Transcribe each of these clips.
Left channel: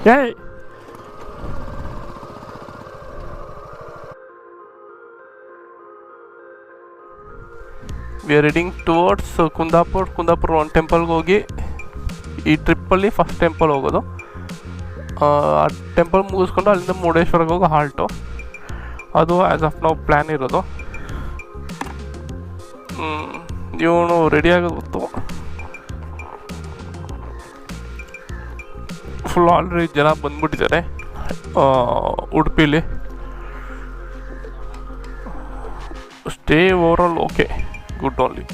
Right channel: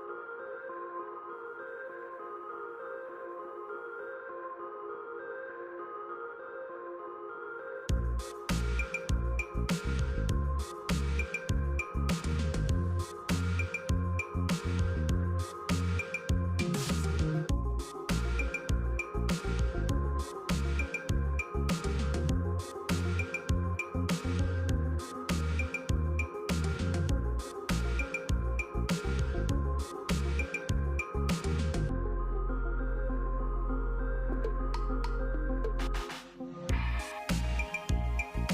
Hey! We are heading towards Kundapura. ಒಂದು ಟೆಂಪಲ್ಗೆ ಹೋಗಿ ಈ ಟ್ರಿಪ್ಪಲ್ಲಿ ಫಸ್ಟ್ ಟೆಂಪಲ್ ಹೋಗೋದು. ಆ ಟೆಂಪಲ್ ಮುಗಿಸ್ಕೊಂಡು ಅಲ್ಲಿಂದ ಮುರುಡೇಶ್ವರಕ್ಕೆ ಹೋಗೋ ಹಾಲ್ಟು. ಅದು ಆ್ಯಸ್ ಆಫ್ ನಾವು ಪ್ಲ್ಯಾನ್ ಇರೋದು. ಇವನು ರೆಡಿ ಆಗೋದು ಗೊತ್ತು. ಫುಲ್ ಆಲ್ರೆಡಿ ಜನ ಬಂದ್ಬಿಟ್ಟಿದ್ದಾರೆ ಉಡುಪಿಲಿ. Stay overall okay, good only.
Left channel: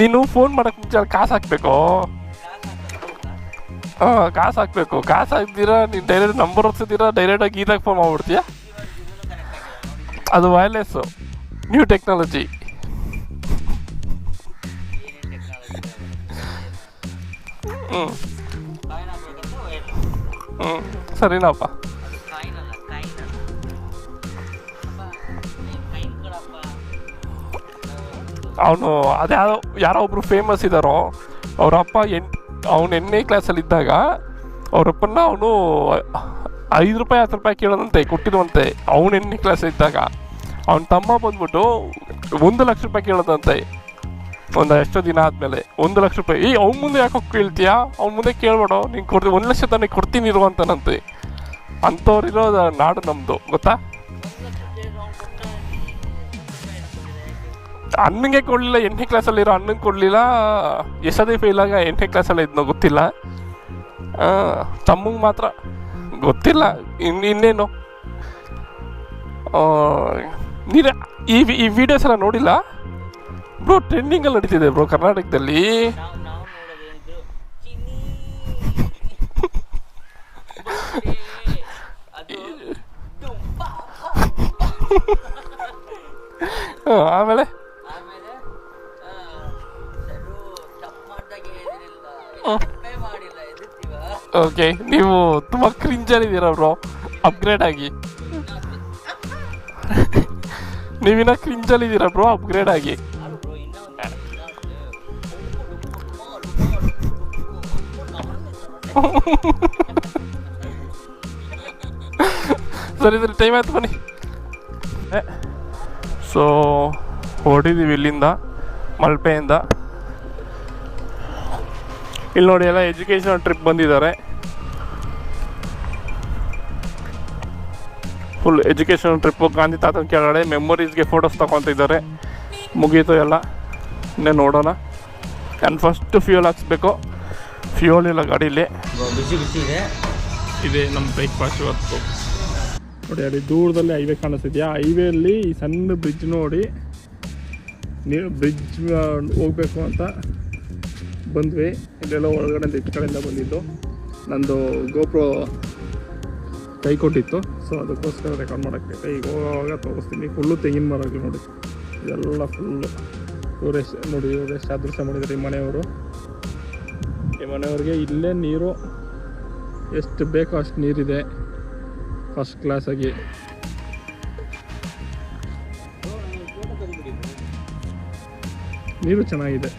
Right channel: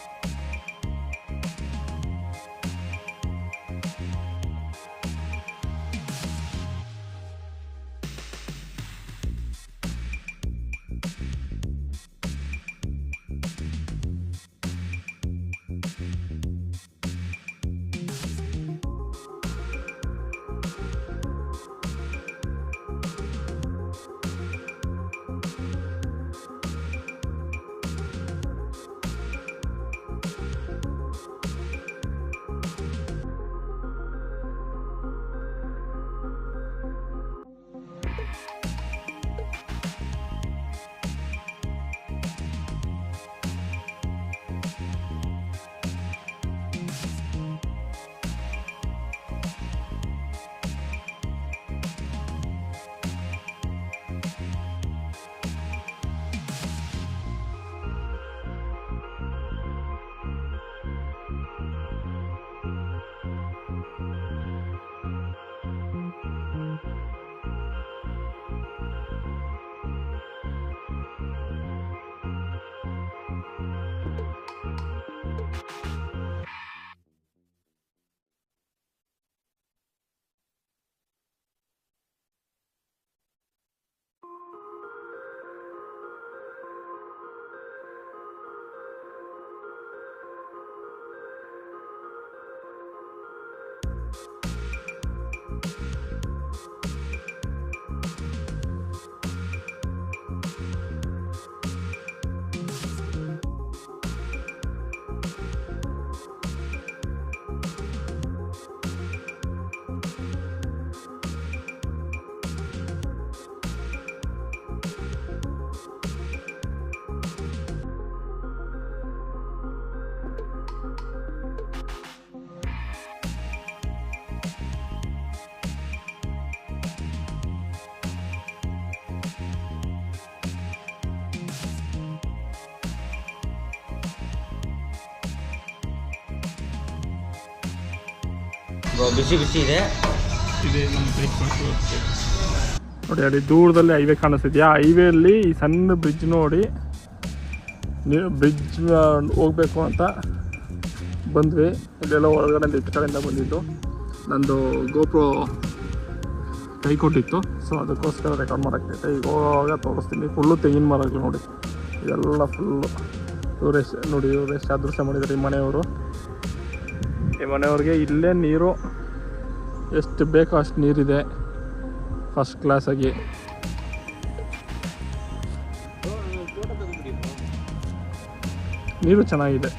ನೀನು ಫೋನ್ ಮಾಡಕ್ಕೆ ಮುಂಚೆ ಕಾಸು ಹಾಕ್ಬೇಕು. ಕಾಸು ಹಾಕ್ಬೇಕು. ಕಾಸು ಹಾಕ್ತೀರಾ ನೀನು ಡೈರೆಕ್ಟ್ ನಂಬರ್ ಹೊಡ್ಸಿದ್ದೀರಾ, ಡೈರೆಕ್ಟಾಗಿ ಇದಾಗ ಫೋನ್ ಮಾಡ್ಬಿಡ್ತೀಯ. ಅದು ವೈರ್ಲೆಸ್ಸು, ನ್ಯೂ ಟೆಕ್ನಾಲಜಿ. ಸರಿನಪ್ಪ. ಅವನು ಯಾರೋ ಒಬ್ರು ಫೇಮಸ್ ಇದ್ದಾರೋ, ಅವರಪ್ಪ ಅವನು 8ನೇ ಕ್ಲಾಸಲ್ಲಿದ್ದಾಗ ಅವರಪ್ಪನ ಅವನು 5 ರೂಪಾಯಿ 10 ರೂಪಾಯಿ ಕೇಳೋದಂತೆ, ಕೊಟ್ಟಿರುವಂತೆ. ಅವನು 8ನೇ ಕ್ಲಾಸಲ್ಲಿದ್ದಾಗ ಅವನ ತಮ್ಮ ಬಂದ್ಬಿಟ್ಟು 1 ಲಕ್ಷ ರೂಪಾಯಿ ಕೇಳೋದಂತೆ. ಒಂದು ಎಷ್ಟೋ ದಿನ ಆದಮೇಲೆ 1 ಲಕ್ಷ ರೂಪಾಯಿ. ಅವ್ನ ಮುಂದೆ ಯಾಕೆ ಕೇಳ್ತೀಯಾ? ಅವ್ನ ಮುಂದೆ ಕೇಳ್ಬೇಡ, ನೀನು 1 ಲಕ್ಷ ತಾನೇ ಕೊಡ್ತೀನಿ ಇರುವಂತಾನಂತೆ. ಅಂಥವ್ರಿರೋ ನಾಡು ನಮ್ಮದು, ಗೊತ್ತಾ? ಅಣ್ಣಂಗೆ ಕೊಡಲಿಲ್ಲ, 8ನೇ ಕ್ಲಾಸಲ್ಲಿರೋ ಅಣ್ಣಂಗೆ ಕೊಡಲಿಲ್ಲ. ಎಷ್ಟದೇ ಫೇಲಾಗ 8ನೇ ಕ್ಲಾಸಲ್ಲಿ ಇದ್ನೋ ಗೊತ್ತಿಲ್ಲ. ತಮ್ಮಂಗೆ ಮಾತ್ರ ಗೊತ್ತಿಲ್ಲ. ಇನ್ನೇನು ನೀನು ಈ ವಿಡಿಯೋಸ್ ಎಲ್ಲ ನೋಡಿಲ್ಲ ಬ್ರೋ? ಟ್ರೆಂಡಿಂಗಲ್ಲಿ ನಡೀತಿದೆ ಬ್ರೋ ಕರ್ನಾಟಕದಲ್ಲಿ. ಆಮೇಲೆ ಓಕೆ, ನೀವು ತುಂಬ ಕ್ರಿಂಜಲ್ಲಿದ್ದೀರ ಬ್ರೋ. ಅಪ್ಗ್ರೇಡ್ ಆಗಿ. ನೀವಿನ್ನ ಕ್ರಿಂಜಲ್ಲಿದ್ದೀರ ಬ್ರೋ, ಅಪ್ಗ್ರೇಡ್ ಆಗಿ. ಸರಿ ಟೈಮ್ ಆಯ್ತು, ಬನ್ನಿ. ಸೊ ಹೊರಟಿದ್ದೀವಿ ಇಲ್ಲಿಂದ, ಮಲ್ಪೆಯಿಂದ. ಇಲ್ಲಿ ನೋಡಿ, ಎಲ್ಲ ಎಜುಕೇಷನಲ್ ಟ್ರಿಪ್ ಬಂದಿದ್ದಾರೆ. Full educational trip. ಗಾಂಧಿ ತಾತನ ಕೆಳಗಡೆ ಮೆಮೊರೀಸ್ಗೆ ಫೋಟೋಸ್ ತಗೊತಿದ್ದಾರೆ. ಮುಗೀತು ಎಲ್ಲ. ಇನ್ನೇ ನೋಡೋಣ. ನಾನು ಫಸ್ಟ್ ಫ್ಯೂಲ್ ಹಾಕ್ಸ್ಬೇಕು. ಫ್ಯೂಲ್ ಇಲ್ಲ ಗಾಡೀಲಿ. ಬಿಸಿ ಬಿಸಿ ಇದೆ ನಮ್ಮ ಬ್ರೇಕ್ಫಾಸ್ಟ್ ಇವತ್ತು. ನೋಡಿ ಅಲ್ಲಿ ದೂರದಲ್ಲಿ ಹೈವೇ ಕಾಣಿಸ್ತಿದ್ಯಾ? ಹೈವೇಲಿ ಈ ಸಣ್ಣ ಬ್ರಿಡ್ಜ್ ನೋಡಿ, ನೀವು ಬ್ರಿಡ್ಜ್ ಹೋಗ್ಬೇಕು ಅಂತ ಬಂದ್ವಿ. ಇಲ್ಲೆಲ್ಲ ಒಳಗಡೆ ಇಟ್ಟು ಕಡೆಯಿಂದ ಬಂದಿದ್ದು. ನಂದು ಗೋಪ್ರೋ ಕೈ ಕೊಟ್ಟಿತ್ತು, ಸೊ ಅದಕ್ಕೋಸ್ಕರ ರೆಕಾರ್ಡ್ ಮಾಡೋಕ್ಕೆ. ಈಗ ಹೋಗುವಾಗ ತೋರಿಸ್ತೀನಿ. ಫುಲ್ಲು ತೆಂಗಿನ ಮರಗಳು ನೋಡಿ, ಇದೆಲ್ಲ ಫುಲ್ಲು. ನೋಡಿ ಇವರು ಎಷ್ಟು ಅದೃಶ್ಯ ಮಾಡಿದ್ದಾರೆ ಈ ಮನೆಯವರು. ಈ ಮನೆಯವ್ರಿಗೆ ಇಲ್ಲೇ ನೀರು ಎಷ್ಟು ಬೇಕೋ ಅಷ್ಟು ನೀರಿದೆ, ಫಸ್ಟ್ ಕ್ಲಾಸಾಗಿ. ನೀರು ಚೆನ್ನಾಗಿದೆ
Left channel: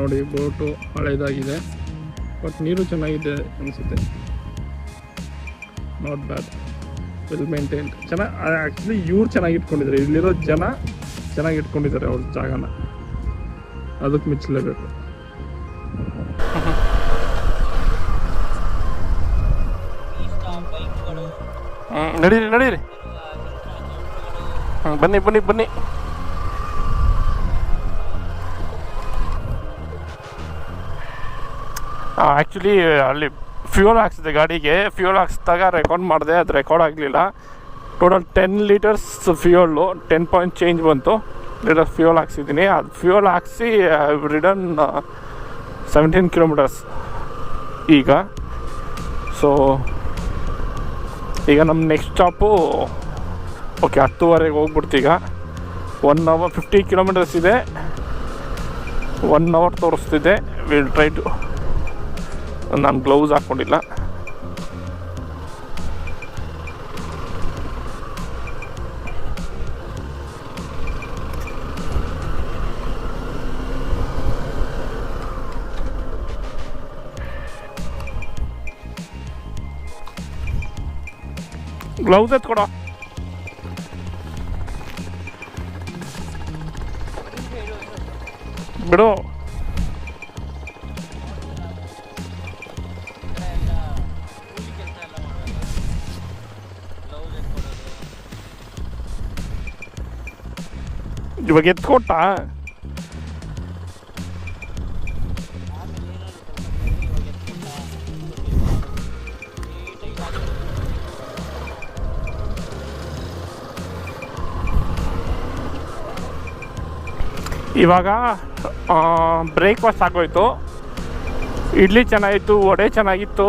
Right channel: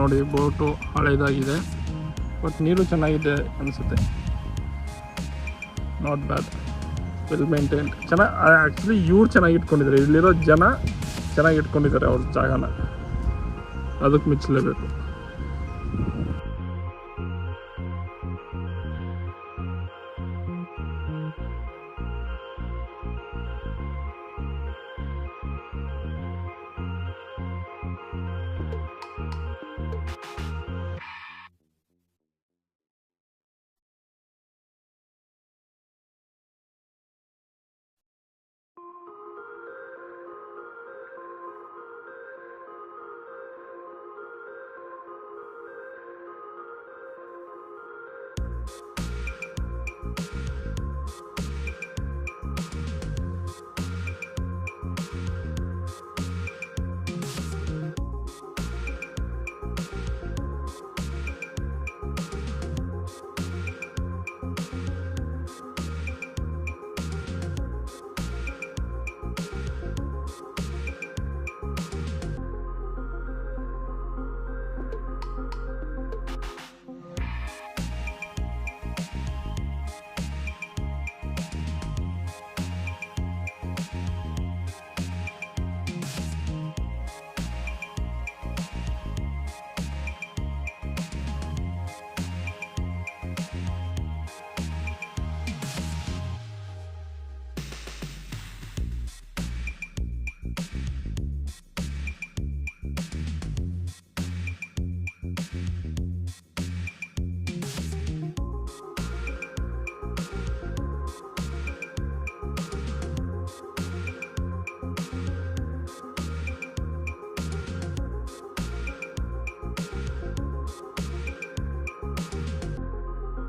ನೋಡಿ. ಬೋಟು ಹಳೇದಾಗಿದೆ, ಬಟ್ ನೀರು ಚೆನ್ನಾಗಿದೆ ಅನಿಸುತ್ತೆ. Not bad, well maintained. ಚೆನ್ನಾಗಿ ಆ್ಯಕ್ಚುಲಿ ಇವ್ರು ಚೆನ್ನಾಗಿ ಇಟ್ಕೊಂಡಿದ್ದಾರೆ. ಇಲ್ಲಿರೋ ಜನ ಚೆನ್ನಾಗಿ ಇಟ್ಕೊಂಡಿದ್ದಾರೆ ಅವ್ರ ಜಾಗನ, ಅದಕ್ಕೆ ಮೆಚ್ಚಲೇಬೇಕು. ನಡೀರಿ ನಡೀರಿ, ಬನ್ನಿ ಬನ್ನಿ ಬನ್ನಿ. ಆ್ಯಕ್ಚುಲಿ ಅಲ್ಲಿ ಫ್ಯೂಲ್ ಹಾಕ್ಸಿದೆ ಗಾಡಿಗೆ. ಫ್ಯೂಲ್ ಹಾಕ್ಸಿದಾಗ ರೆಕಾರ್ಡ್ ಮಾಡಿದೆ, ಅದು ರೆಕಾರ್ಡ್ ಆಗಲಿಲ್ಲ. Total 10 litres fuel, 10 point change ಬಂತು. ಲೀಟರ್ಸ್ ಫ್ಯೂಲ್ ಹಾಕ್ಸಿದ್ದೀನಿ. ಅದು ಫ್ಯೂಲ್ ಹಾಕ್ಸಿ ರಿಟರ್ನ್ 17 ಕಿಲೋಮೀಟರ್ಸ್ ಈಗ. ಸೊ ಈಗ ನಮ್ಮ ನೆಕ್ಸ್ಟ್ ಸ್ಟಾಪು ಓಕೆ 10:30ಗೆ ಹೋಗ್ಬಿಡ್ತೀಗ. 1 hour 50 ಕಿಲೋಮೀಟರ್ಸ್ ಇದೆ. 1 hour ತೋರಿಸ್ತಿದೆ. Will try to. ನಾನು ಗ್ಲೌಸ್ ಹಾಕ್ಕೊಂಡಿಲ್ಲ. ಗ್ಲೌಸ್ ಎತ್ಕೊಡೋ. ಬಿಡು. ಇವಾಗ ಎತ್ಕೊಟ್ಟ. ಇವಾಗ ಬ್ರೇಕ್ಫಾಸ್ಟ್ ಆಗೋಯ್ತು. ಇಡ್ಲಿ ಚೆನ್ನಾಗಿತ್ತು, ವಡೆ ಚೆನ್ನಾಗಿತ್ತು,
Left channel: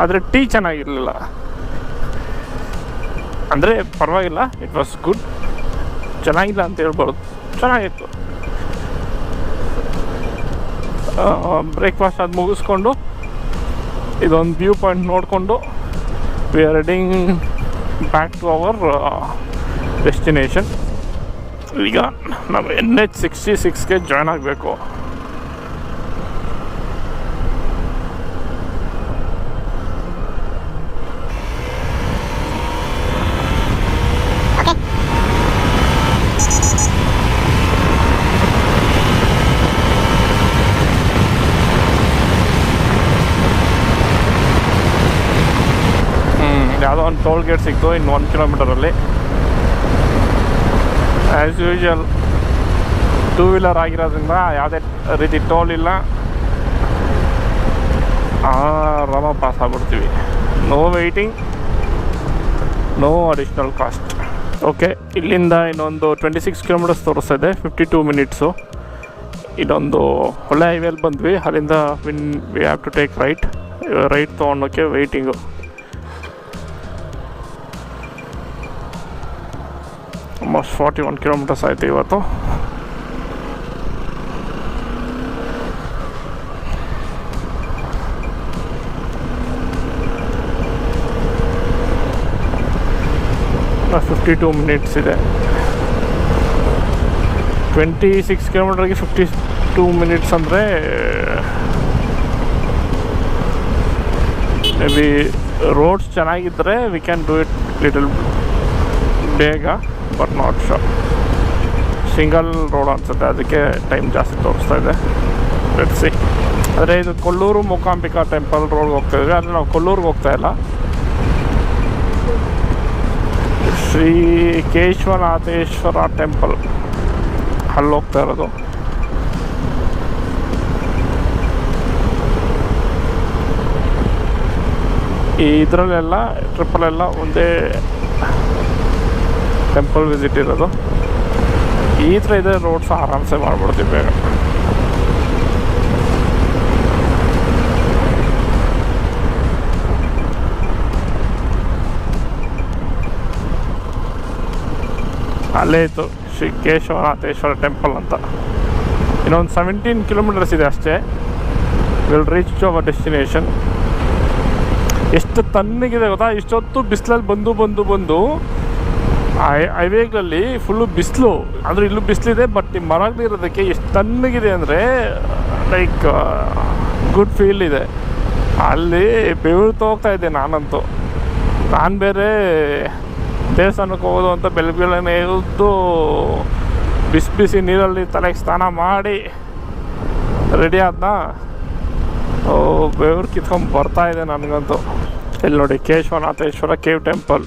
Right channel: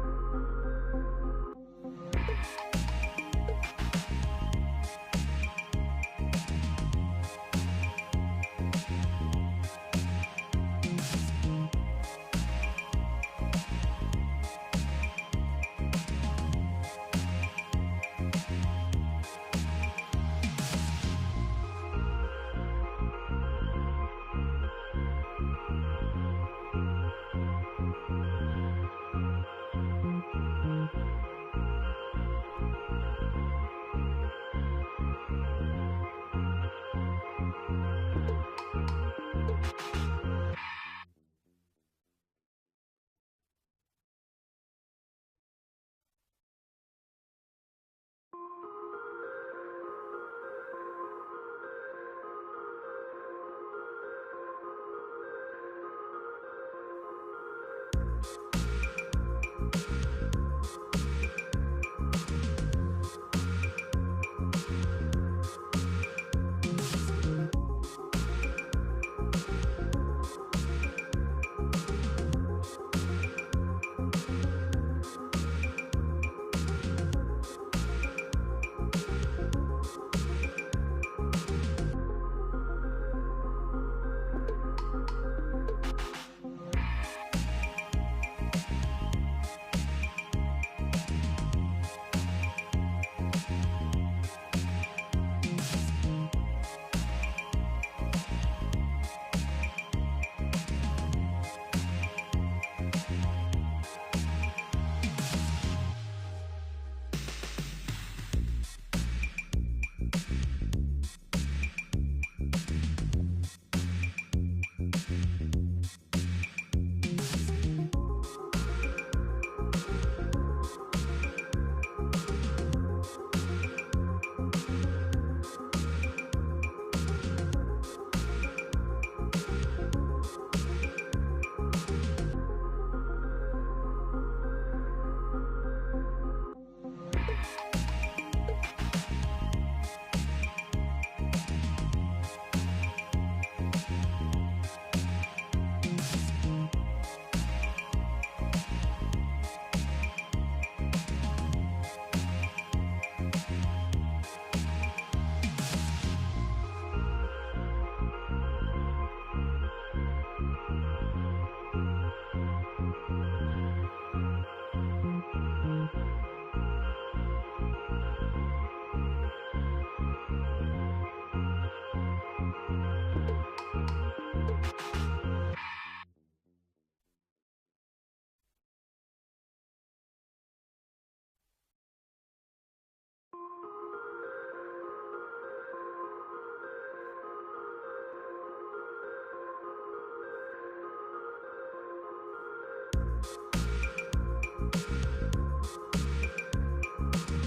ಆದರೆ ಟೀ ಚೆನ್ನಾಗಿರಲಿಲ್ಲ. ಅಂದರೆ ಪರವಾಗಿಲ್ಲ, ಇಟ್ ವಾಸ್ ಗುಡ್. ಚೆನ್ನಾಗಿಲ್ಲ ಅಂತ ಹೇಳ್ಬಾರ್ದು, ಚೆನ್ನಾಗಿತ್ತು. ಬ್ರೇಕ್ಫಾಸ್ಟ್ ಅದು ಮುಗಿಸ್ಕೊಂಡು ಇದೊಂದು ವ್ಯೂ ಪಾಯಿಂಟ್ ನೋಡಿಕೊಂಡು we are heading back to our destination. ಈಗ ನಾವು NH66ಗೆ ಜಾಯ್ನ್ ಆಗಬೇಕು. ಯಾವುದೋ ಒಂದು ಟೋಲ್ ಗೇಟ್ ಸಿಕ್ತು ಇನ್ನು 1 ಕಿಲೋಮೀಟರಲ್ಲಿ. ಆ್ಯಸ್ ಯೂಶುವಲ್ 2 ವೀಲರ್ ಆಗಿರೋದ್ರಿಂದ ಯಾವುದೇ ರೀತಿ ಟೋಲ್ ಇಲ್ಲ, ಆರಾಮ ಪಾಸ್ ಆಗ್ಬಿಡ್ತೀವಿ. No waiting, no additional cost. Okay, ಇಲ್ಲಿಂದ ಇನ್ನೊಂದು 26 ಕಿಲೋಮೀಟರ್ಸ್ ತೋರಿಸ್ತಾ ಇದೆ, 52 ಮಿನಿಟ್ಸು. ಇದೊಂದು ಒಳ್ಳೆ ಹೈವೇಲಿ ಬಂದ್ವಿ. ಅಲ್ಲಿಂದ we have to take right ತೊಗೊಂಡೋಕ್ಕೆ ವೆಯ್ಟಿಂಗು. ಆಲ್ಮೋಸ್ಟ್ 41 ಕಿಲೋಮೀಟರ್ಸ್ ಆಯಿತು ಇವತ್ತು. ಇನ್ನು 52 ಮಿನಿಟ್ಸ್ ಇದೆ. 26 ಕಿಲೋಮೀಟರ್ಗೆ 52 ಮಿನಿಟ್ಸ್ ಅಂದರೆ ಮೇ ಬಿ ರೋಡ್ಸ್ ಚೆನ್ನಾಗಿದ್ದರೆ we can do it little ಬೇಗ, but not sure. Single road ಅನ್ಸುತ್ತೆ, ಅದಕ್ಕೆ ಟೈಮ್ ಜಾಸ್ತಿ ತೋರಿಸ್ತಾ ಇದೆ. Let's see. ಆದರೆ ಇದು ಕೊಲ್ಲೂರು ಮೂಕಾಂಬಿಕಾ ಟೆಂಪಲ್ ರೋಡ್ಗೆ ಹೋಗ್ತಾ ಇದ್ವಿ, ಆದರೆ ನಾವು ಕೊಲ್ಲೂರಿಗೆ ಹೋಗ್ತಾ ಇಲ್ಲ. ಶ್ರೀ ಕೇಶವನಾಥೇಶ್ವರ ಟೆಂಪಲ್ ಅಲ್ಲಿ ಹೋಗ್ತಾ ಇರೋದು. ಈ ಇದರಲ್ಲೆಲ್ಲ ಟ್ರಿಪ್ಪಲ್ಲೆಲ್ಲ ಒಂದೇ ಟೆಂಪಲ್ ವಿಸಿಟ್ ಇರೋದು. ಈ ಥರ ಇದೆ ರೋಡ್ಸ್, ಆರಾಮ್ಸೆ ಮಾಡ್ಬಿಡ್ತೀವಿ ಬೇಗ. ಅಲ್ಲೇ ಇತ್ತು ಶ್ರೀ ಕೇಶವನಾಥೇಶ್ವರ ಟೆಂಪಲ್ ಅಂತ. ಇನ್ನೊಂದು 17 ಕಿಲೋಮೀಟರ್ಸ್ ಇದೆ ಅಷ್ಟೇ. Will reach to our destination. ಎಷ್ಟು ತಣ್ಣಗಿದೆ ಗೊತ್ತಾ, ಇಷ್ಟೊತ್ತು ಬಿಸಿಲಲ್ಲಿ ಬಂದು ಹೈವೇಗಳಲ್ಲಿ ಫುಲ್ಲು ಬಿಸಿಲು. ಅಂದರೆ ಇಲ್ಲೂ ಬಿಸಿಲಿದೆ, ಬಟ್ ನಿಮ್ಮ ಮರಗಳಿರೋದಕ್ಕೆ ಎಷ್ಟು ತಣ್ಣಗಿದೆ ಅಂದರೆ ಲೈಕ್ ಗುಡ್ ಫೀಲ್ ಇದೆ. ಅಲ್ಲಿ ಬೆವರು ಹೋಗ್ತಾ ಇದ್ದೆ ನಾನಂತೂ. ನಾನು ಬೇರೆ ದೇವಸ್ಥಾನಕ್ಕೆ ಹೋಗೋದು ಅಂತ ಬೆಳಗ್ಗೆನೇ ಎದ್ದು ಬಿಸಿ ನೀರಲ್ಲಿ ತಲೆಗೆ ಸ್ನಾನ ಮಾಡಿ ರೆಡಿ ಆದ್ನ, ಬೆವರು ಕಿತ್ಕೊಂಡು ಬರ್ತಾ ಇದೆ ನನಗಂತೂ. ಇಲ್ಲಿ ನೋಡಿ, ಕೇಶವನಾಥೇಶ್ವರ ಕೇವ್ ಟೆಂಪಲ್.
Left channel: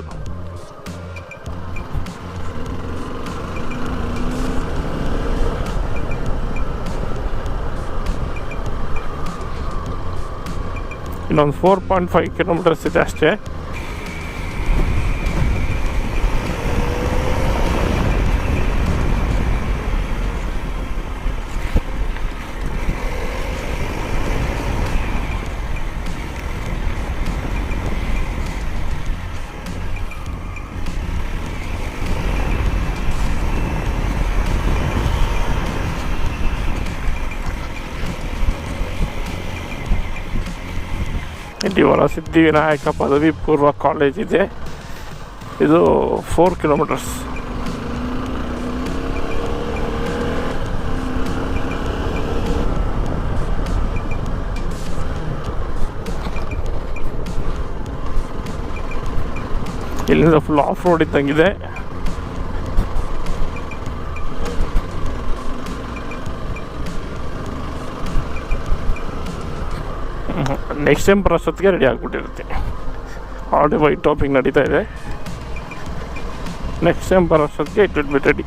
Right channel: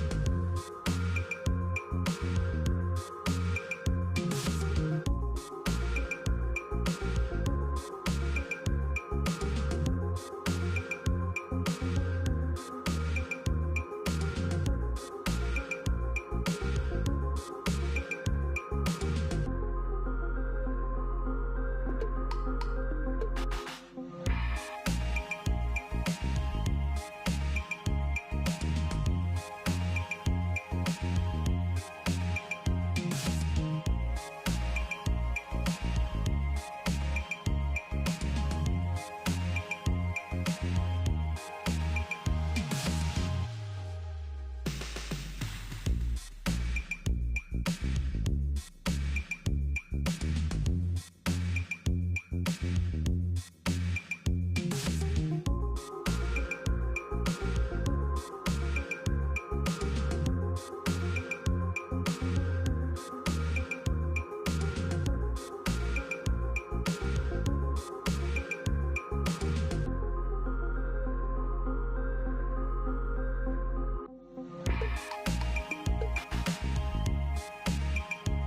ಇನ್ನೊಂದು 4.5 ಕಿಲೋಮೀಟರ್ಸ್ ಇದೆ ಅಷ್ಟೇ. ಇಲ್ಲಿ ವರಸಿದ್ಧಿವಿನಾಯಕ ಪದವಿ ಪೂರ್ವ ಕಾಲೇಜ್ ಇದೆ. ಇದು 4 ಕಿಲೋಮೀಟರ್ಸ್. ಇಲ್ಲಿಂದ ಫುಲ್ ಆಫ್ ರೋಡ್ ಇದ್ದಂಗಿದೆ. ನೆಕ್ಸ್ಟ್ ಟೈಮ್ ಬರೋಷ್ಟೊತ್ತಿಗೆ ರೆಡಿ ಆಗಿಬಿಟ್ಟಿರುತ್ತೆ. ಆಲ್ರೆಡಿ ವೈಟ್ ಟಾಪಿಂಗ್ ನಡೀತಾ ಇದೆ. ನೆಕ್ಸ್ಟ್ ಟೈಮ್ ಬರೋಷ್ಟೊತ್ತಿಗೆ ಇಟ್ ವಿಲ್ ಬಿ ರೆಡಿ.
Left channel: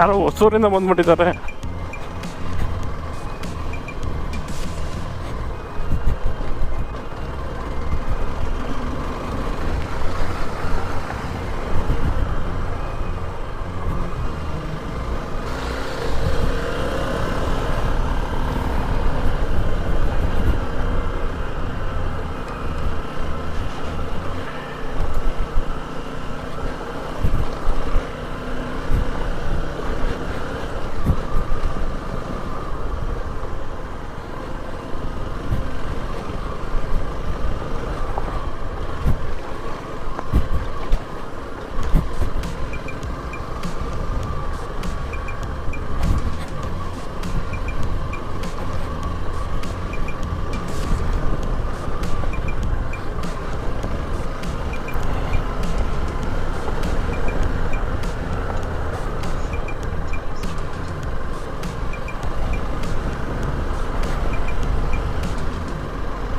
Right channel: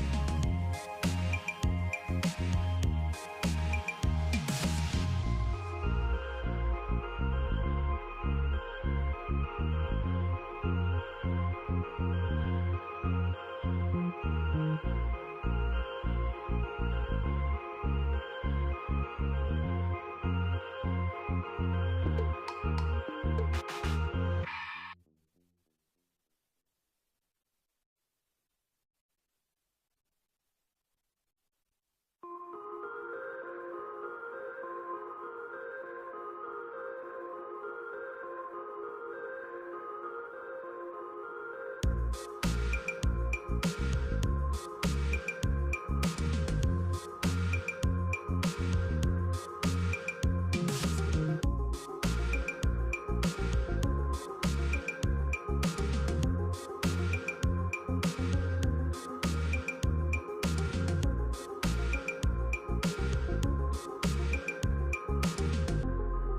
ಯಾರೋ ಹೊಸೂರಿಂದ ಬಂದ್ಬಿಟ್ಟಿದ್ದಾರೆ.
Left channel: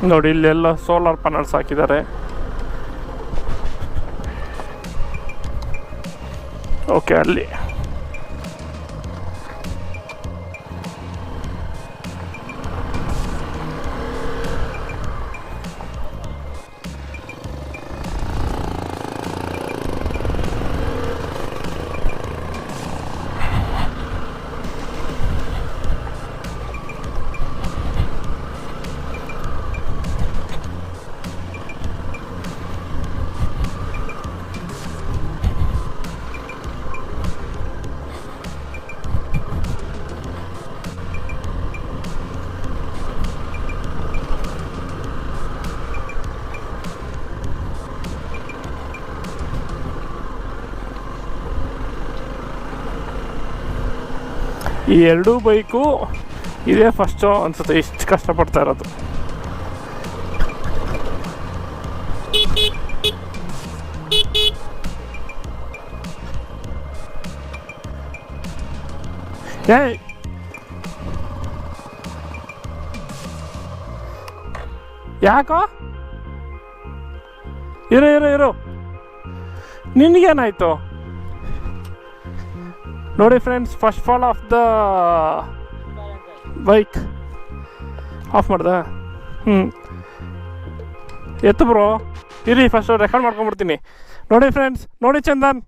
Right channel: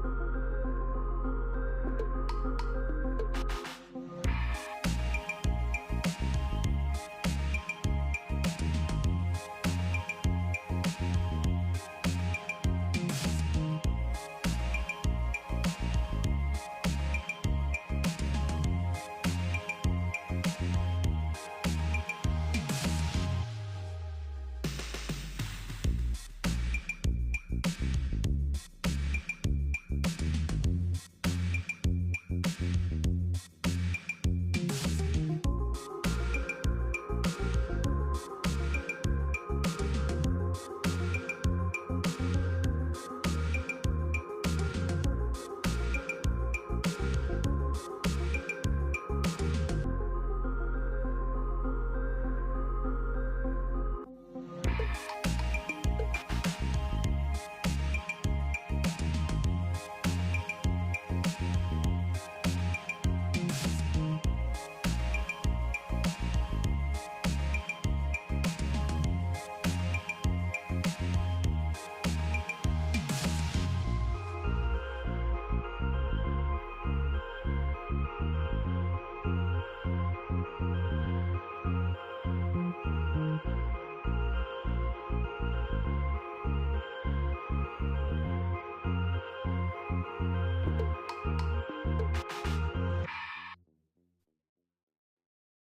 ನೋಡಿ ಇಲ್ಲೆಲ್ಲ ಸೋಲಾರ್ ಪ್ಯಾನಲ್ಸ್ ಹಾಕಿದ್ದಾರೆ. ಓಕೆ, ಅಲ್ಲಿ ಈ ಎರಡೂ ಬೈಕು ಇದೇ ಫಸ್ಟು ಅನ್ಸುತ್ತೆ ಇಷ್ಟು ಕಷ್ಟಪಡ್ತಾ ಇರೋದು. ಏಯ್ ಯಾಕೋ ಇರು ನಿನಗೇನಾಯ್ತು ನೋಡಿ friends, first fall of the bike. Of ಮಾಡ್ದ? ಎತ್ತು ಬ್ರೋ, ಇರಿ ಫಸ್ಟ್ ರೆಕಾರ್ಡ್ ಮಾಡ್ಕೊಂಡ್ಬಿಡ್ತೀನಿ. ನೋಡಿ ಫ್ರೆಂಡ್ಸ್, ನೋಡಿ ಚಂದನ್,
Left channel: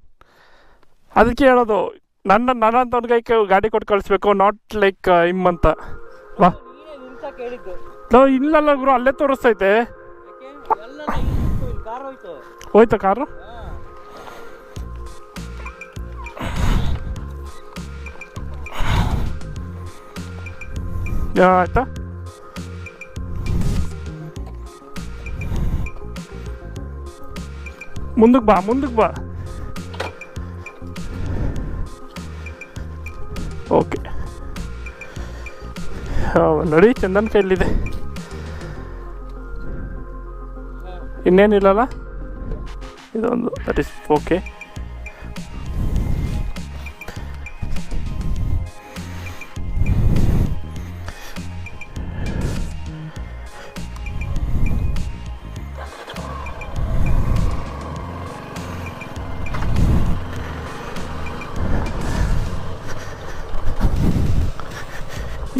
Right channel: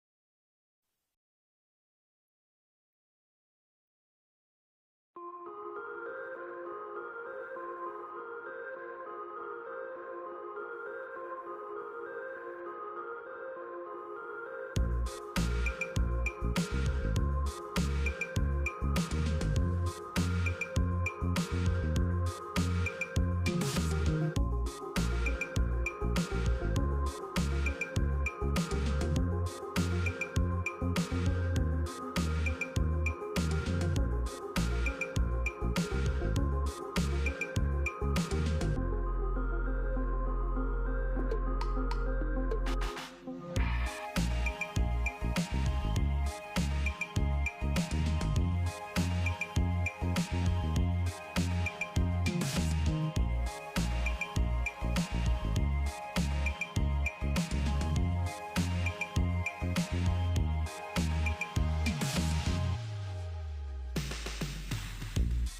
ಅದಕ್ಕೆ ಹೇಳೋದು ನನ್ನಂತ ಕೈ ಗಾಡಿ ಕೊಟ್ಟು ಕಳಿಸ್ಬೇಕು, ನಾಟ್ ಲೈಕ್ ಹಿಮ್ ಅಂತ. ವಾ ಇಲ್ಲಲ್ಲ ಗುರು, ಅಲ್ಲೇ ತೋರಿಸ್ತೈತೆ. ಹೋಯ್ತಾ ಕಾರು? ಆಯ್ತಾ? ಮುಂದಕ್ಕೆ ಬಾ. ಓಕೆ, ನೋಡಿ ಚಂದನ್ ಕೈಲಿದೆ, ಇನ್ನೇನಿಲ್ಲಲ್ಲ ಇದೊಂದು. That is okay.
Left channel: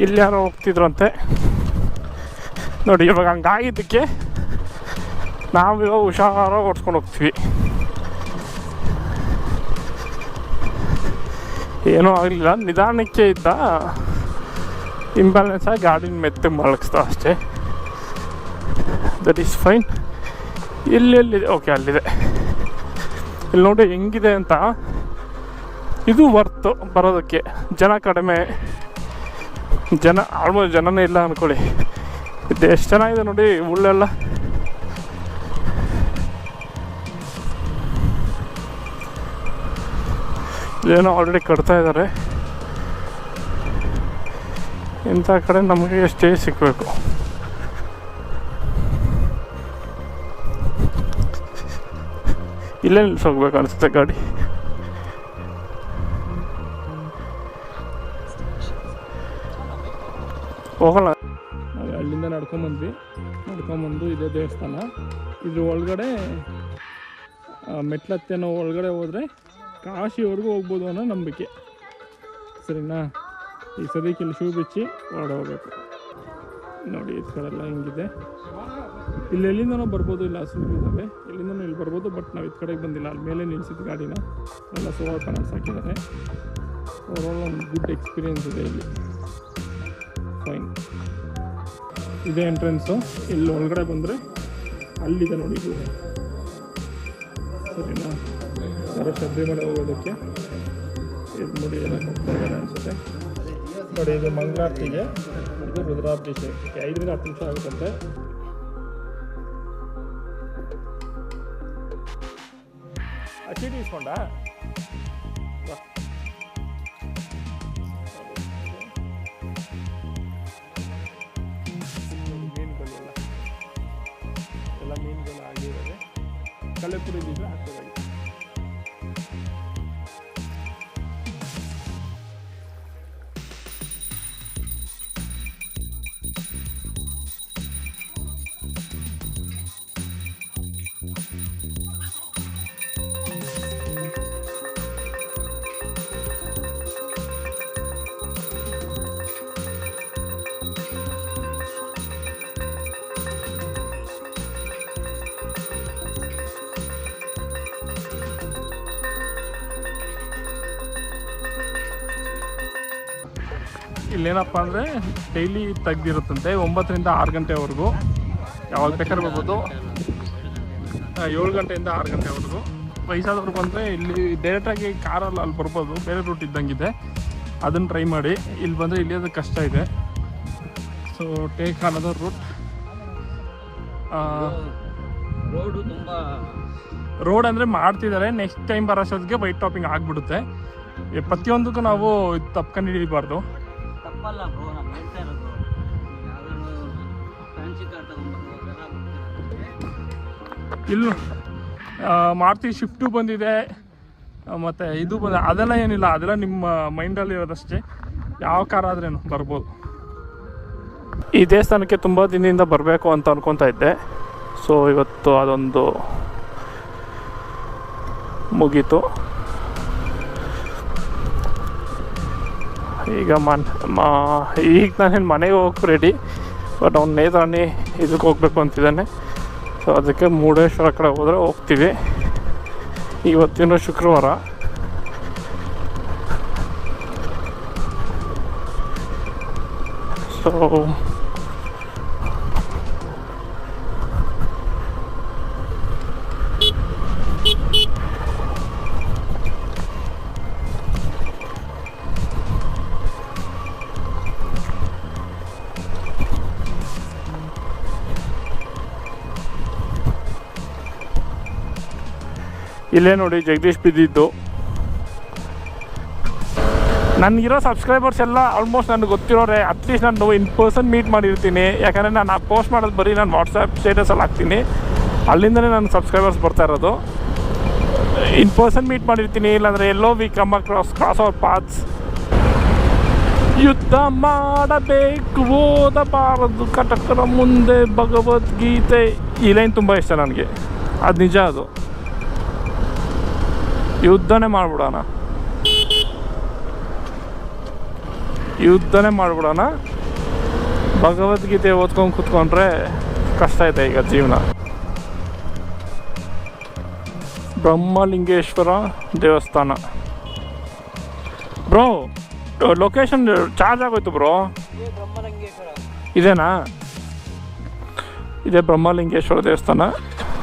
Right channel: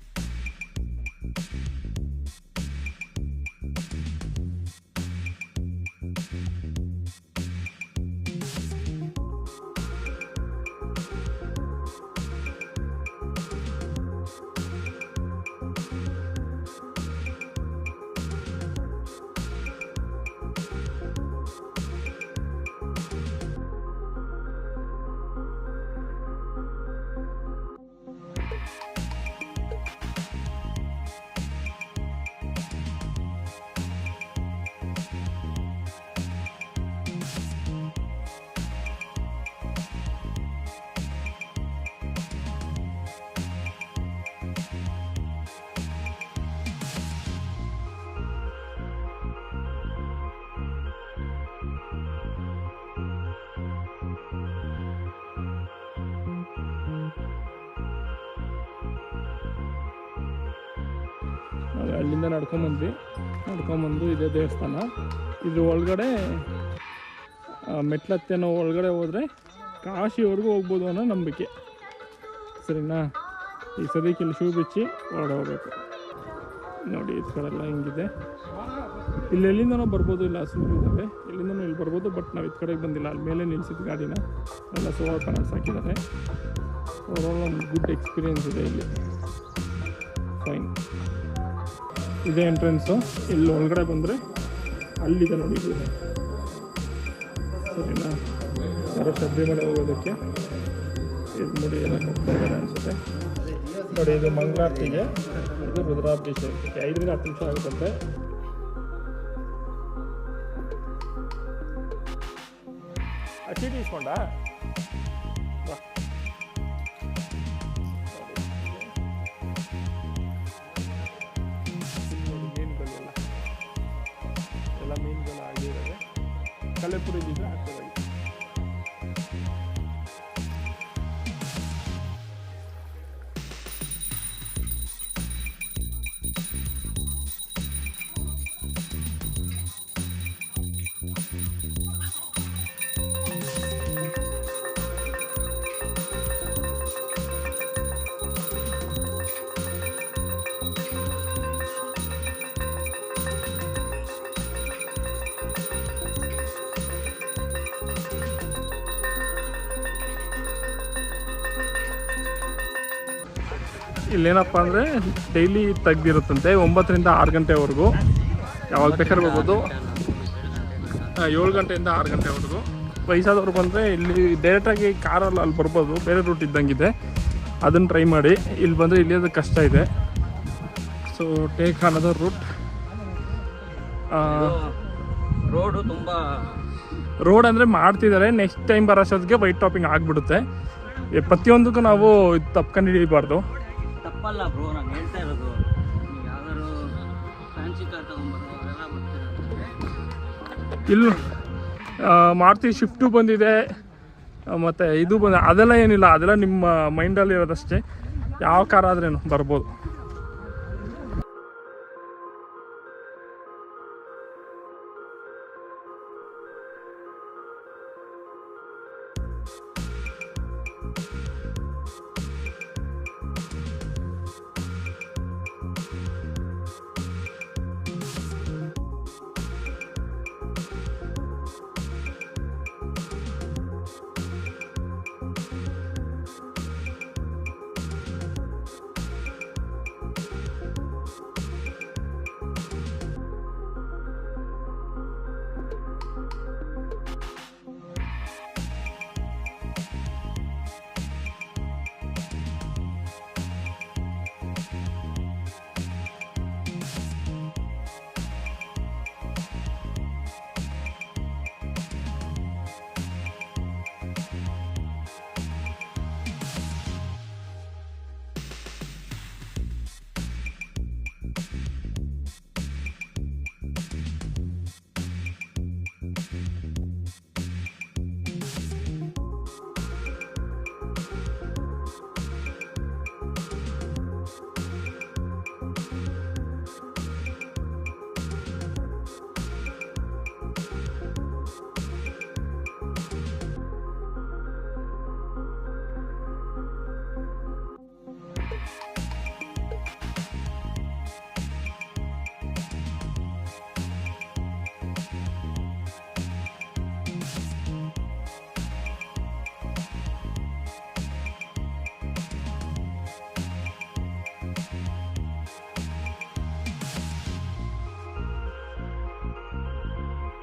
ಇಲ್ಲಿ ಯಾರೋ ಹೋಗ್ತಿದ್ರಂತೆ ನೋಡಿ. ಇವಾಗ ಹಂಗಾಗಿದ್ದಕ್ಕೆ ನಾವಿವಾಗ ಹುಷಾರಾಗಿ ಓಡಿಸ್ಕೊಂಡು ಹೋಗ್ತೀವಿ. ಏನೂ ಆಗಲಿಲ್ಲ, ನಿಧಾನಕ್ಕೆ ಇದ್ದ, ಇಂಬ್ಯಾಲೆನ್ಸ್ ಆಗಿ ಗಾಡಿನ ಮೆತ್ತಗೆ ಮಲಗಿಸ್ದ ಅಷ್ಟೇ. That is fine. ಎಲ್ಲೆಲ್ಲಿದೆ? ಓಕೆ, ಅಲ್ಲಿದೆ. ಇಲ್ಲಿ ನೋಡಿ ಹೆಂಗಿದೆ ಅಂತ. ಇದು ವರ್ತು ಬರೋದಕ್ಕೆ. ಜನ ಕಡಿಮೆ, ಆಲ್ಮೋಸ್ಟ್ ಜನನೇ ಇಲ್ಲ ಅಂದ್ಕೊಳ್ಳಿ. ಇದು ಎಷ್ಟು ಚೆನ್ನಾಗಿದೆ ನೋಡಿ ಉಳ್ಳೆಲ್ಲ. ಏನೋ ಆಲ್ರೆಡಿ ಕಟ್ತಾ ಇದ್ದಾರೆ. ಇಂಥ ಕಡೆ ನಮಗೆ ಸ್ಟೇ ಸಿಗಬೇಕು. ಇಲ್ಲೇ ನಿಲ್ಸೋಗ್ಬೇಕು ಅನಿಸುತ್ತೆ ಗಾಡಿ. ಹೋಗೋಣ. ನಾವು ಅಲ್ಲಿಂದ ನಡ್ಕೊಂಬಂದು ಇದೇ ದೇವಸ್ಥಾನ. ಇದ್ರ ಒಳಗಡೆ ಮೆಟ್ಲತ್ತೇನೋ ಒಳಗಡೆ ಹೋದರೆ ಕಾಶಿವರೆಗೂ ಹೋಗ್ಬೋದು ಅನ್ನೋ ನಂಬಿಕೆ. ಸರಿನಾ? ಈ ಸದ್ಯಕ್ಕೆ ಇಲ್ಲಿ ಶೂ ಬಿಚ್ಚಿ ಹೊರಡೆ ಹೋಗ್ಬೇಕು. ನೋಡಿ ಈ ಕಡೆ ಎಲ್ಲ ಹಿಂಗಿದೆ. ಇಲ್ಲಿ ಎಲ್ಲಿಂದನೋ ಬರ್ಬೋದು, ಇಲ್ಲ ಹಸು ಇದ್ದಾವೆ, ಎಲ್ಲಿಂದನೋ ಇಲ್ಲಿ ಬರ್ಬೋದು. ಬಟ್ ನಾವು ಈ ಕಡೆಗೆ ಬಂದಿಲ್ಲ. ಅಲ್ಲಿ ಮೇಲೆ ನಿಲ್ಸಿದ್ದು ಗಾಡಿನ ಎಲ್ಲ ಸೋಲಾರ್ ಪ್ಯಾನಲ್ಸ್ ಹಾಕಿದ್ದಾರೆ. ಓವರಾಲ್ ಒಂದು ಗುಡ್ ಎಕ್ಸ್ಪೀರಿಯೆನ್ಸ್ ಇದೆ ಇಲ್ಲಿ. ಫೈನ್. ಇದೇ ಎಂಟ್ರೆನ್ಸು. ಇಲ್ಲಿ ಒಳಗಡೆ ಬಂದರೆ ಅಲ್ಲಿದೆ ನೋಡಿ ಇದು. ಸರಿನಾ? ಯಾರೋ ಶಬರಿಮಲೆ ಹೋಗೋದಕ್ಕೆ ಇದು ನೋಡಿ ಏನಕ್ಕೆ ಹೋಗ್ತಾ ಇದ್ದಾರೆ ಅನಿಸುತ್ತೆ. ನೋಡಿ ಇದು ಮಂಗಳಾರತಿಗೆ, ಇದು ರುದ್ರಾಭಿಷೇಕಕ್ಕೆ 5ರಿಂದ 10 ನಿಮಿಷ ಆಗುತ್ತಂತೆ. ಆ ಚೀಟಿ ಇಸ್ಕೊಂಡ ಎಲ್ಲ ಮೀನುಗಳು ಆಗಿದ್ದಾವೆ. ಕಲೆಪುರಿ ಇದ್ದಿದ್ರೆ ಹಾಕೋದಾಗಿ. ಇಲ್ಲೇನಪ್ಪ ಅಂದರೆ ಡೈಲಿ ತೆಗ್ದಿರುತ್ತಂತೆ 9ರಿಂದ 6 ಗಂಟೆವರೆಗೂ. ಯಾವಾಗ ಬೇಕಾದ್ರೆ ಬರ್ಬೋದು. 7 ಗಂಟೆಯಿಂದ 6 ಗಂಟೆವರೆಗೂ. ವಯಸ್ಸಾದವ್ರು ಬಂದರೆ ಇಲ್ಲಿ ಡೈರೆಕ್ಟಾಗಿ ಕಾರಲ್ಲಿ ಅಲ್ಲಿ ಬರ್ಬೋದು. ಬೇರೆ ರೂಟ್ ಇದ್ದಂಗಿದೆ, ಅದನ್ನು ಟ್ರೈ ಮಾಡಿ. ಇಲ್ಲಿ ಬಂದರೆ ಇಲ್ಲಿಯೋದು ಕಷ್ಟ ಇದೆ. So take another route. Road ಅಂದರೆ ಮಾಡ್ತಿದ್ದಾರೆ. ನೆಕ್ಸ್ಟ್ ಟೈಮ್ ಬರೋಷ್ಟೊತ್ತಿಗೆ ವೈಟ್ ಟಾಪಿಂಗ್ ಆಗಿಬಿಡುತ್ತೆ. ಪ್ರತಿಯೊಂದಕ್ಕೂ ನಾವು ತಪ್ಕೊಂಡು ಹಿಡಿಬಾರ್ದು. ಇಲ್ಲಿ ಮಾರುತಿ ಶಿಫ್ಟು ಬಂದಿದೆ, ಮತ್ತು ಇದು ಅದೆಲ್ಲ ಏನಿಲ್ಲ, ಅದೆಲ್ಲ ನಿಮ್ಮ ಮೈಂಡಲ್ಲಿ ಇರೋದಷ್ಟೇ. ಯಾವ ಕಾರ್ ಆದ್ರೇನು ಬರ್ಬೋದು. ಈ ದೇವಸ್ಥಾನಕ್ಕೆ ತುಂಬ ದಿನದಿಂದ ಬರಬೇಕು ಅಂತ ಅನ್ಕೊತಾ ಇದ್ದೆ. ಸೊ ಇವತ್ತು ಅದೊಂದು ಮುಗೀತು. ಈಗ ಈಗ ನಾನೇನು ಮನೆಗೆ ಹೋಗಿ ರೆಡಿ, ಬಟ್ ಅವ್ನು ನೇತ್ರಾಣಿ ಇದಕ್ಕೆ ಹೋಗ್ಬೇಕು ಅಂತಿದ್ದಾನೆ. ಸೊ ಅದಕ್ಕೆ ಮುರುಡೇಶ್ವರ ಕಡೆ ಹೋದರೆ ಹೋಗ್ತೀವಿ. ಇವತ್ತಿನ ಶುಕ್ರವಾರ. ಸೊ ಇಲ್ಲೇ ನೋಡಿ ಜಗದೀಶ್ ಬಿದ್ದಿದ್ದು. ನನಗಿರೋ ಸಬ್ಸ್ಕ್ರೈಬರ್ಸ್ ಎಲ್ಲ ಆಲ್ಮೋಸ್ಟ್ ನನಗೆ ಗೊತ್ತಿರೋರೆ. ಅಟ್ಲೀಸ್ಟ್ ನಾನು ಇನ್ ಪರ್ಸನ್ ಮೀಟ್ ಮಾಡಿರ್ತೀನಿ. ಯಾಕಂದರೆ ನಾನು ಪೋಸ್ಟ್ ಮಾಡೋದು ಬರೀ ನಾನು ವಾಟ್ಸಪ್ ಸ್ಟೇಟಸಲ್ಲಿ ಹಾಕ್ತೀನಿ. ಅಲ್ಲಿಂದಲೇ ನನ್ನ ಸಬ್ಸ್ಕ್ರೈಬರ್ಸ್ ಬರ್ತಾ ಇರೋದು. ಇನ್ ಪರ್ಸನ್ ಮೀಟ್ ಮಾಡಿರ್ತೀನಿ, ಇಲ್ಲಾಂದರೆ ಎಲ್ಲೋ we come cross our paths. ಯುದ್ಧ ಮಾಡಬೇಕು ಓದಬಾರದು ಕಟಕರ ಮುಂದೆ ಭಗವದ್ಗೀತೆ. ಈ ಲೈನ್ ತುಂಬ ಇಷ್ಟ ನನಗೆ. ಅದು ನಿಜ. ಅದು ಯುದ್ಧನೇ ಮಾಡಿಬಿಡೋಣ, ಭಗವದ್ಗೀತೆ ಓದ್ಕೊಂಡು ಕೂತ್ಕೊಂಡ್ರೆ ಕಷ್ಟ ಇದೆ ಈಗ ಜೀವನ. ಬ್ರಹ್ಮಲಿಂಗೇಶ್ವರ ದೇವಸ್ಥಾನ. ಬ್ರೋ ಲೊಕೇಶನ್ ಚಾರ್ಜ್ ಆಗೋಯ್ತು ಬ್ರೋ. ಇದೇನಾ? ಇದೇ ಬ್ರಹ್ಮಲಿಂಗೇಶ್ವರ ದೇವಸ್ಥಾನ.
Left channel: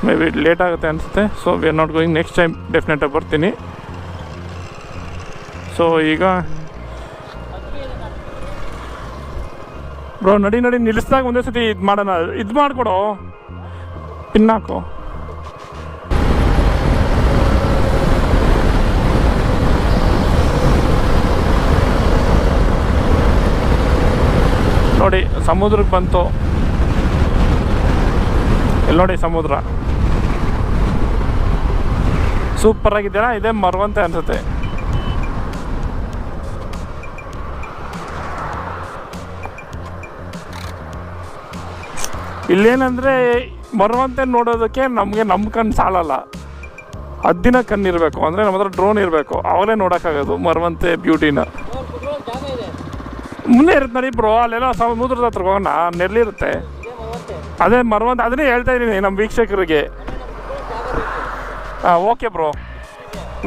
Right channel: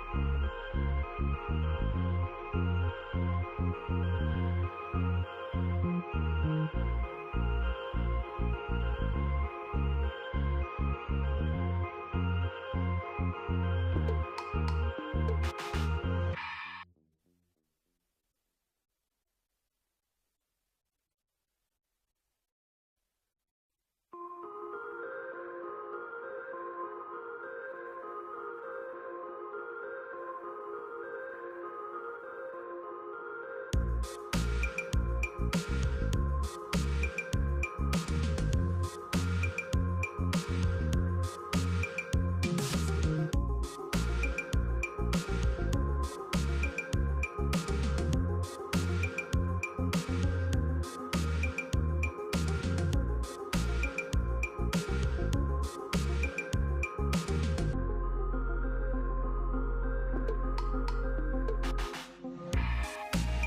ಮೇ ಬಿ ಲೇಟ್ ಆಗುತ್ತೆ ಅನಿಸುತ್ತೆ. So we are not going. Next time ಡೆಫಿನೆಟಾಗಿ ಬರ್ತೀನಿ. ಸೊ ಈಗ ಬ್ರೋ ನಡಿ ನಿಲ್ಲಿಸ್ದಾಗ ಒಂದೇ ಸತಿ ಇದು ಮಾಡೋಣ. ಇದು ಮಾಡಿಕೊಡು, ಪಿನ್ ಹಾಕು. ನೋಡಿ ಸಮುದ್ರಕ್ಕೆ ಬಂತು. ಇಲ್ಲಿ ನೋಡಿ ಸಮುದ್ರ ಸೂಪರ್ ಆಗಿದ್ದೀರಾ. ಇದೇ ಮರವಂತೆ ಅನ್ಸುತ್ತೆ. ಇಲ್ಲೇನಂದರೆ ಮರವಂತೆ ನೋಡೋದಕ್ಕೆ ನಮಗೆ ನಮ್ಮ ಕಣ್ಣು ಸಾಲಲ್ಲ. 10 ದಿನ ಕಣ್ಣಿರಬೇಕು. ಅಂದರೆ ನಮ್ಮ ಹತ್ರ ಡ್ರೋನ್ ಇರಬೇಕು, ಅವಾಗಲೇ ನೋಡೋಕ್ಕಾಗೋದು ಮರವಂತೆ ಬ್ಯೂಟಿನ. ಮುಂದೆ ಇರುತ್ತೆ ನೋಡಿ ಬ್ರೋ, ಅಲ್ಲೆಲ್ಲ ಸಮುದ್ರದ ಹತ್ರ ಹೋಗೋಣ, ನೆರಳಿರುತ್ತೆ. ಅದೇ ಮರವಂತೆ, ಅದನ್ನೇ ಹೇಳ್ತಾ ಇದ್ದೀನಿ ನಮ್ಮ ವೀಕ್ಷಕರಿಗೆ. ಹಾಂ ಓಕೆ ಬ್ರೋ,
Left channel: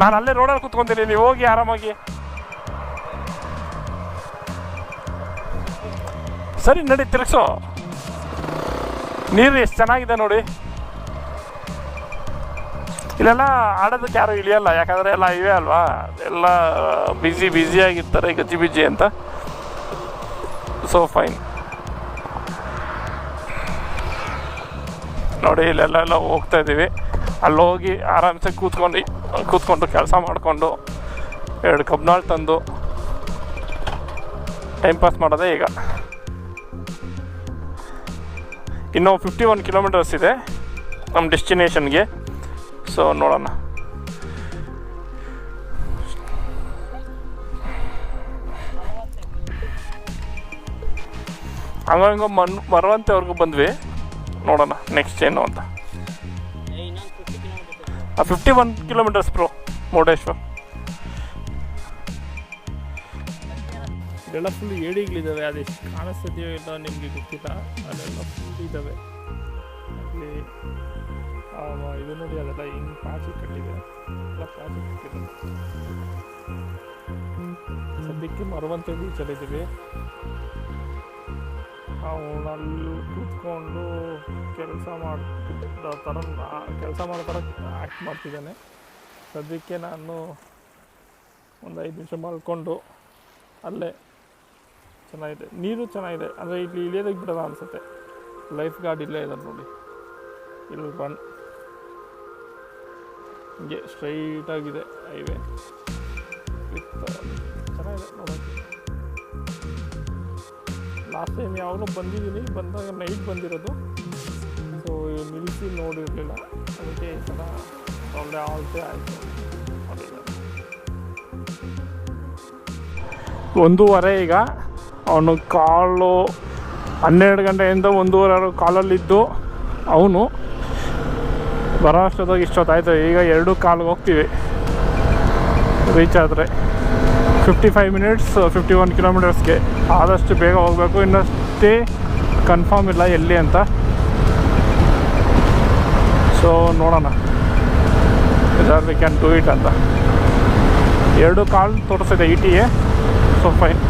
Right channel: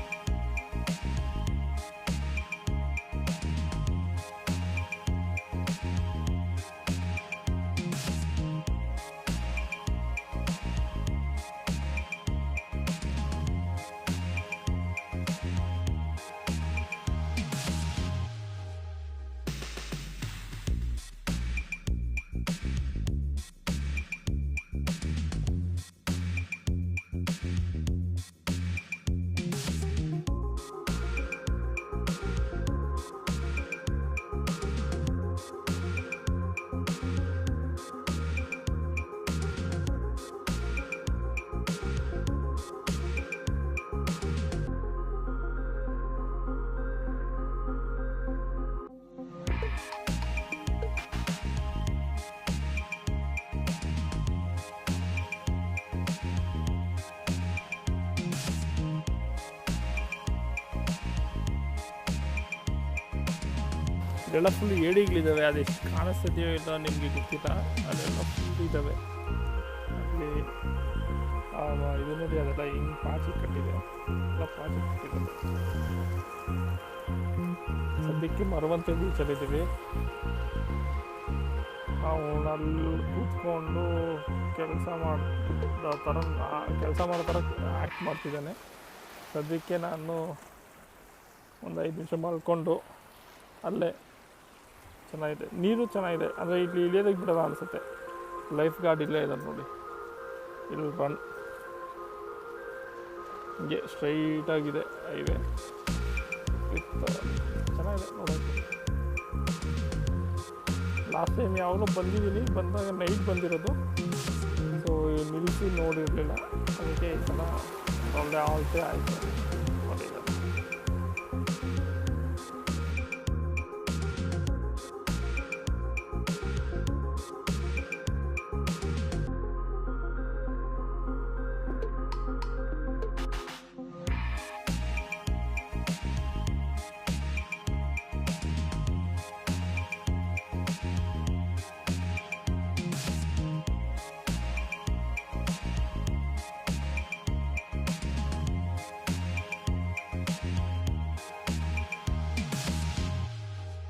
ನಾನು ಅಲ್ಲೇ ರೋಡಲ್ಲಿ ಕೂತ್ಕೊತೀನಿ, ನೀವು ಹೋಗಿ ಆರಾಮಾಗಿ. ಸರಿ ನಡಿ ತಿರ್ಗಿಸೋ. ನೀರು ಎಷ್ಟು ಚೆನ್ನಾಗಿದೆ ನೋಡಿ. ಇಲ್ಲೆಲ್ಲ ಆಡೋದಕ್ಕೆ ಯಾರು ಇಳಿಯಲ್ಲ, ಯಾಕಂದರೆ ಎಲ್ಲ ಇವೆ ಅಲ್ವಾ, ಎಲ್ಲ ಬ್ಯುಸಿಯಾಗಿರ್ತಾರೆ, ಗಜ್ಜಿ ಅಂತ. So fine. ನೋಡಿ ಇಲ್ಲೆಲ್ಲ ಹೋಗ್ತಾ ಇದ್ದೀವಿ. ಅಲ್ಲಿ ಹೋಗಿ ಆರಾಮ್ಸೆ ಕೂತ್ಕೊಂಡು ಕೆಲಸ ಮಾಡಿಕೊಂಡು 2 ಕಬ್ನಾಳು ತಂದು ಟೈಮ್ ಪಾಸ್ ಮಾಡೋದೇ ಈಗ. ಇನ್ನೂ 51 ಕಿಲೋಮೀಟರ್ಸ್ ಇದೆ ನಮ್ಮ ಡೆಸ್ಟಿನೇಷನ್ಗೆ. ಸೊ ನೋಡೋಣ. ಹಂಗೋ ಮರವಂತೆವರೆಗೂ ಬಂದ್ವಿ. ನೋಡೋಣ ನೆಕ್ಸ್ಟ್ ಏನು ಅಂತ. 51 ಕಿಲೋಮೀಟರ್ಸ್ ಬ್ರೋ ಮುರುಡೇಶ್ವರ. ಇದೆಲ್ಲ ಫುಲ್ ಏಡಿಗಳಿದ್ದಾವೆ. ಅದೆಷ್ಟು ಕಾಣಿಸ್ತಿದೆಯೋ ಇಲ್ಲ ನಿಮಗೆ ಗೊತ್ತಿಲ್ಲ. ಅದೆಲ್ಲ ಫುಲ್ ಇದ್ದಾವೆ. ಅಲ್ಲಿ ಇದು ನೋಡಿ, ಅದೆಲ್ಲ ಹಿಂಗೆ ಪಾಚಿ ಕಟ್ಟಿದೆ. ಎಲ್ಲ ಪಾಚಿ ಕಟ್ಟಿರೋದು. ಸದ್ಯಕ್ಕೆ ಮರವಂತೆ ಬೀಚಲ್ಲಿದ್ದೀವಿ. ನಾವು ಅಲ್ಲಿ ಕೂತ್ಕೊಂಡು ಕೆಲಸ ಮಾಡೋ ಥರ ಆ್ಯಕ್ಟ್ ಮಾಡ್ತಿದ್ದೇನೆ. ಸದ್ಯಕ್ಕೆ ನಾನು ಒಂದು 5 ನಿಮಿಷ ಮಲ್ಕೊಂಡು ಅಲ್ಲೇ. ಚೆನ್ನಾಗಿದೆ, ನೀರು ಚೆನ್ನಾಗಿದೆ. ಅಂದರೆ ಇಲ್ಲಿ ಇಳಿಯೋದಕ್ಕೆ ಬಿಡೋಲ್ಲ ಅನಿಸುತ್ತೆ. ಲೈಫ್ ಗಾರ್ಡ್ ಇಲ್ಲೇ ಇದ್ದಾರೆ ನೋಡಿ. ಇಲ್ಲಿ ರನ್ ಹಿಂಗೆ ಸ್ಟ್ರೈಟಾಗಿದೆ ಹೈವೇ. ಚೆನ್ನಾಗಿದೆ ನೋಡೋಕ್ಕೆ. ಲಾಸ್ಟ್ ಟೈಮ್ ಯಾವಾಗಲೂ ಬಂದಾಗ ನೈಟ್ ಬಂದಿರೋದು. ಸೊ ನಿಲ್ಲಿಸಿ ನೋಡಿರಲಿಲ್ಲ, ಅದಕ್ಕೆ ಈ ಸಲ ಒಳ್ಳೆ ಆಲ್ತೆ ಆಯಿತು. 1:30 ಈಗ. ಅವನು ಕಾಲು 12 ಗಂಟೆಯಿಂದ 1:30 ಕಾಲಲ್ಲಿದ್ದು ಅವನು ಬರೋ ಅಷ್ಟೊತ್ತಾಗಿ ಇಷ್ಟೊತ್ತಾಯ್ತು. ಈಗ 2:15 ಹೋಗ್ತೀವಿ ರೀಚ್ ಆದರೆ. 55 ಮಿನಿಟ್ಸ್ 51 ಕಿಲೋಮೀಟರ್ಸ್ಗೆ. ಆದಷ್ಟು ಬೇಗ ಹೋಗಬೇಕು. ಇನ್ನಷ್ಟೇ ಕನ್ಫರ್ಮ್ ಇಲ್ಲ ಎಲ್ಲಿ ಅಂತ. ಸೊ ನೋಡೋಣ whether we can do it ಅಂತ. 2 ಕಾಲ್ ತೋರಿಸ್ತಿದೆ ETA. So fine.